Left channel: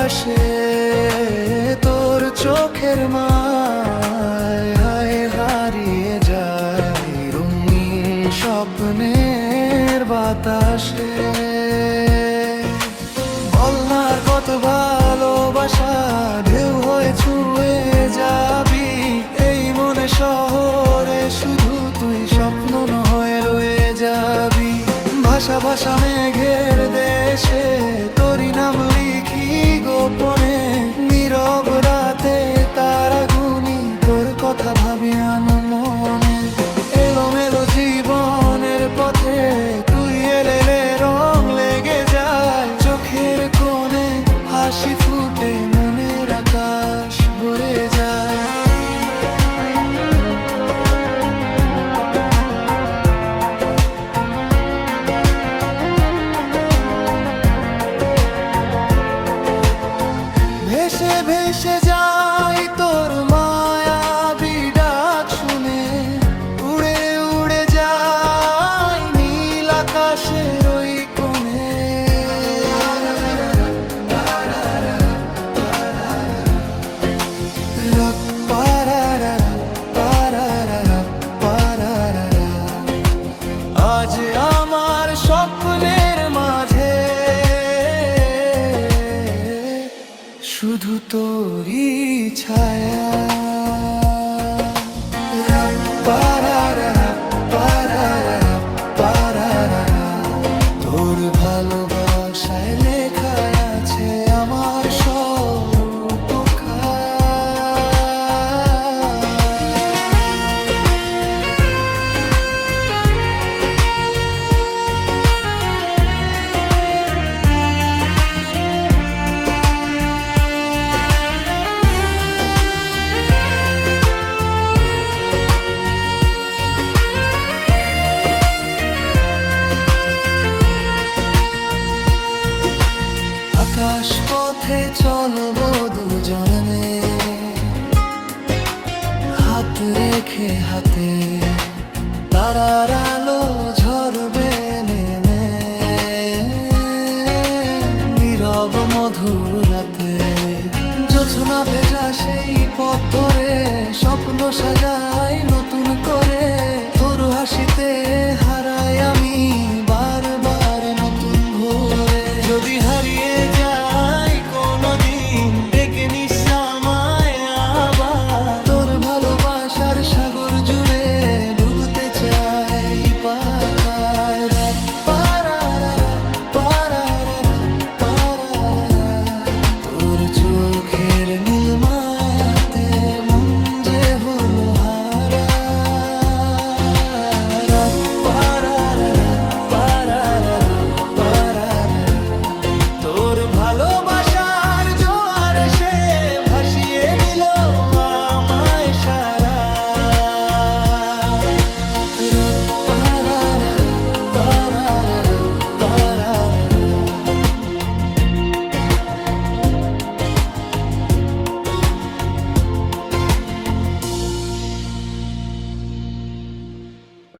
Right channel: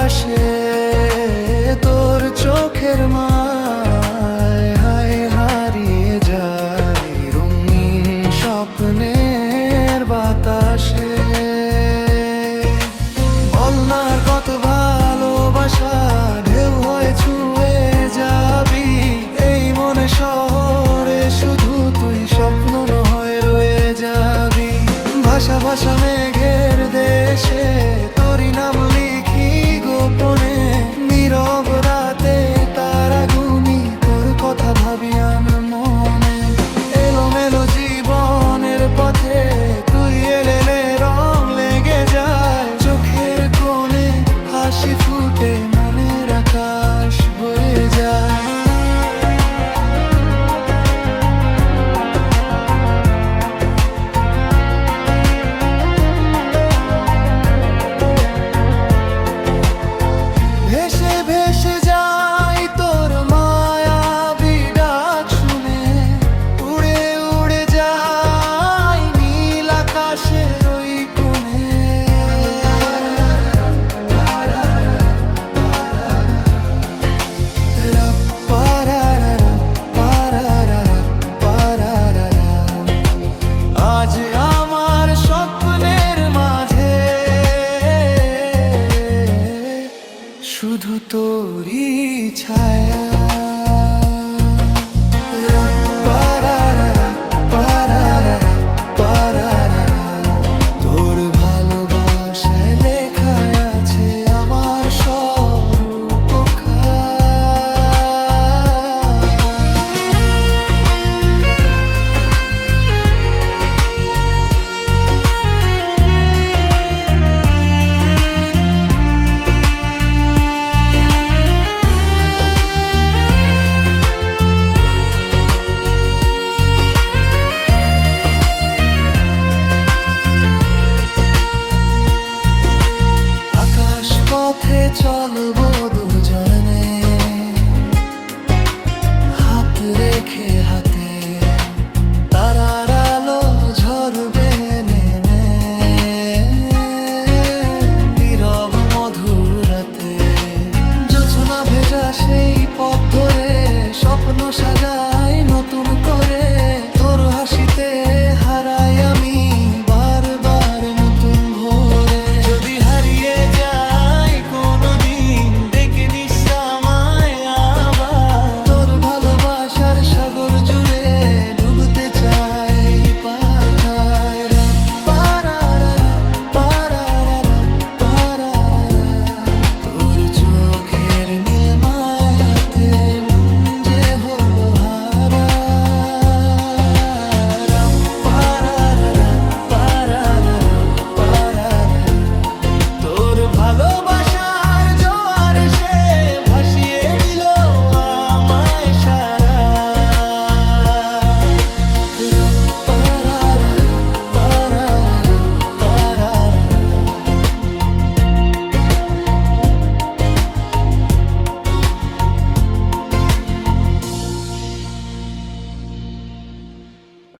ভাসে তোর চোখের মায়, হায় হারিয়ে যায় রঙিন স্বপ্নের বাতাসে। বল না আর কত ভালোবাসা ঢেউ হয়ে ছুঁয়ে যাবি এই মনে শহরে, শুধু তুই স্বপ্ন নয় রয়ে যাবি। ভাষা ভাষা মেঘের দেশে তোরই নাম লিখি গোপনে, নীরব রাতে তারা গুনি তোর কথা ভাবি মনে। এলোমেলো জীবনের পথে তুই এলে রং লেগে যায়, চোখের কোণে হাসি ফুটে মনের আকাশ ভরে যায়। ভেসে ভেসে যাই তোর মায়াবী ডাক শুনে, উড়ে উড়ে যাই নীল আকাশের ওই কোণে। আজ আমার স্বপ্নের মাঝে শুধু তোরই ছায়া। তোর ভালোবাসায় লেখা আছে আমার স্বরূপখানি। আকাশ পথে চলবো দুজনে, হাত রেখে হাতে তারার আলো ঝরবে নেমে। নীরব মধুর রাতে জোছনা ভেজা সেই পথ ধরে স্বপ্ন সাজাই নতুন করে। তোর হাসিতে হারাই আমি বারবার নতুন ভোরে। যদি হারিয়ে যাই কোনোদিন ডেকে নিস আমায় আবার, তোর ভালোবাসার সাগর জুড়ে ডুবতে চাই পাখায়। রাত তোর চোখের নীল মায়াতে মন যে হলো হারা। তোর ভালোবাসার জোয়ার সে ভাসিয়ে